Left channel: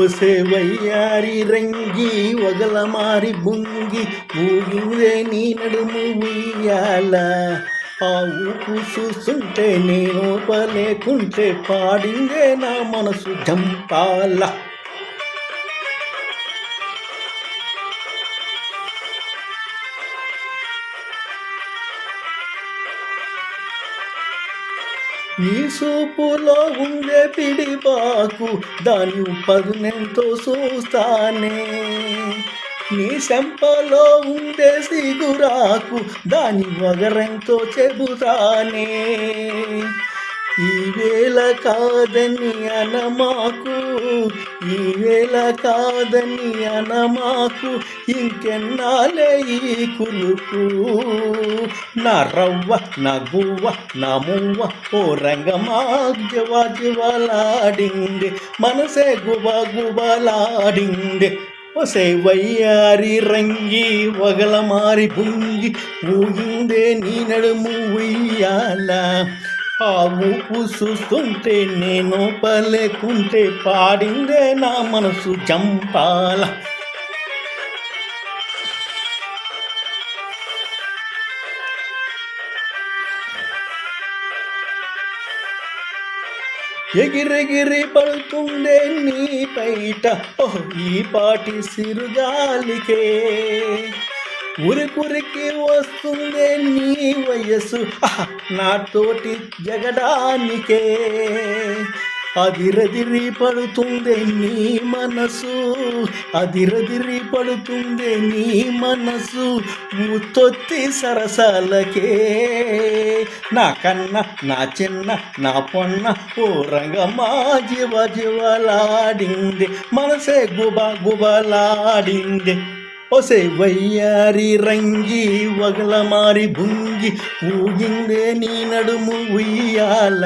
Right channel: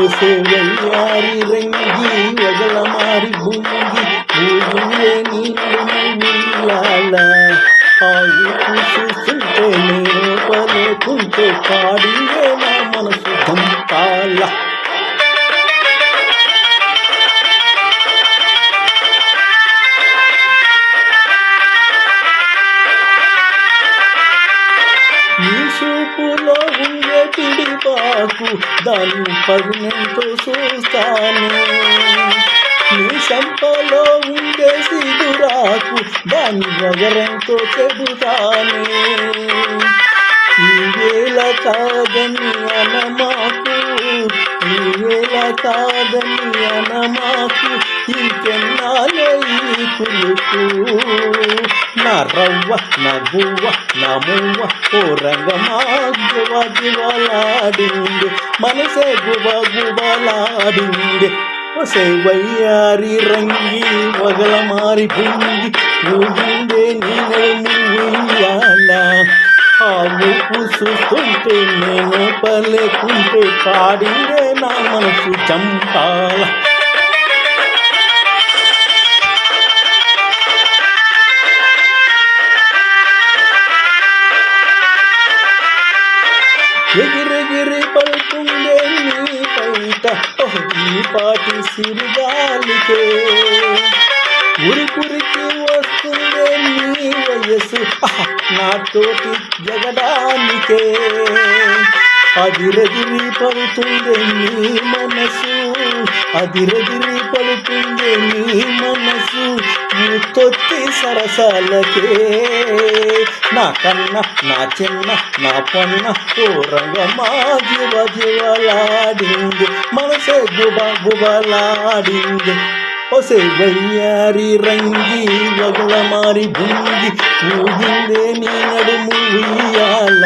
ఒసే వయ్యారి రంగి వగల మారి బుంగి ఊగిలే నీ నడుము ఉయ్యాల ఆ ఊపు చూస్తుంటే నేను పలేకుంటే పాడిందే నా మనసు జంపాల నీ చూపులో ఉండే పిడిపాకు దాన్ని పదునెంతో చూస్తానే నీ శంపలో ఉండే సిగురాకు దాని వగరెంతో చెబుతానే ఈవేళ కాదని అనమాకు ఈవేళ కాదని అనమాకు ఇంకెన్నాలే ఈ కులుకు నా రవ్వ నా గువ్వ నా మువ్వ ఓ రంగమా జివలాడింది మనసే గుబలాడింది ఒసే వయ్యారి రంగి వగల మారి బుంగి ఊగిందే నీ నడుము ఉయ్యాల ఆ ఊపు చూస్తుంటే నేను పలేకుంటే పాడిందే నా మనసు చంపాల ఎగిరెగిరి పడుతుందే నీ పైట ఈ పాటి సిరిగాలికే ఉరికురికి వస్తుందే నీ వయస్సు నాతోటి జగడానికే అదిరదిరి పడుతుందే నీ మనసు అదిరదిరి పడుతుందే నీ మనసు తొత్తి సరసాలకే నా కన్న నా చిన్న నా పొన్న ఓ రంగమా జివలాడింది మనసే గుబలాడింది ఒసే వయ్యారి రంగి వగల మారి బుంగి ఊగిందే నీ నడుము ఉయ్యాల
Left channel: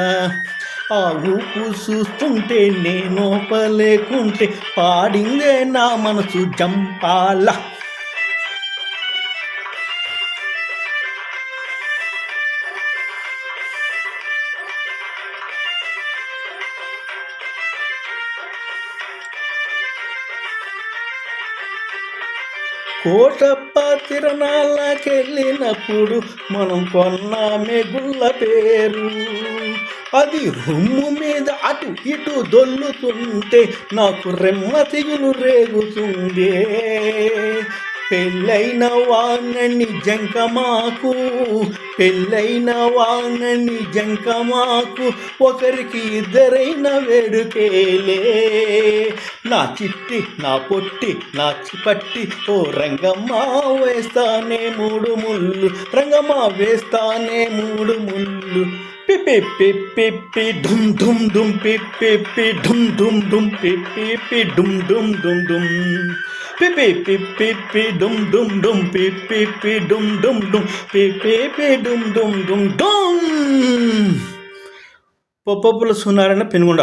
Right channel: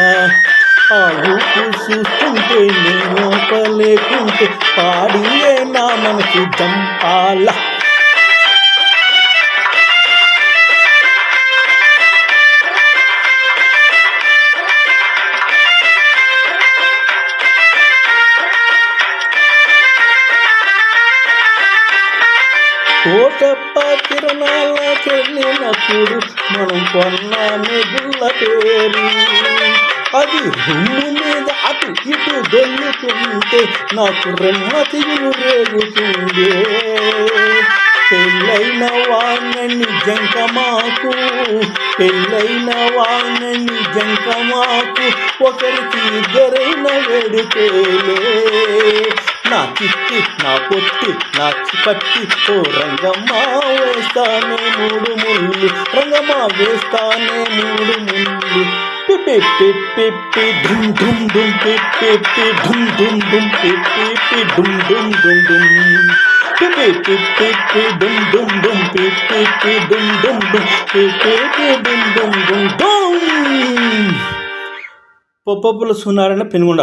ఆ ఊపు చూస్తుంటే నేను పలేకుంటే పాడిందే నా మనసు జంపాల కోటప్ప తిరణాలకెళ్ళినప్పుడు మనం కొన్న మెగుళ్ళ పేరు అది రొమ్ము మీద అటు ఇటు దొల్లుతుంటే నాకు రెమ్మ తిగులు రేగుతుందే పెళ్ళైన వాణ్ణి జంకమాకు పెళ్ళైన వాణ్ణి జంకమాకు ఒకరికి ఇద్దరైన వేడుకేలే నా చిట్టి నా పొట్టి నా చిపట్టి ఓ రంగమ్మా వేస్తానే మూడు ముళ్ళు రంగమ్మా వేస్తానే మూడు ముళ్ళు పిప్పి పిప్పి పి ఢుమ్ ఢుమ్ ఢుమ్ పిప్పి పి ఢుమ్ ఢుమ్ ఢుమ్ పిప్పి పి ఢుమ్ ఢుమ్ ఢుమ్ ఢుమ్ పిప్పి పిప్పి పి ఢుమ్ ఢుమ్ ఢుమ్ పిప్పి పి ఢుమ్ ఢుమ్ ఢుమ్ పిప్పి పి ఢుమ్ ఢుమ్ ఢుమ్ ఢుమ్ పొప్పపుల సునారాయణ పెనుగొండ.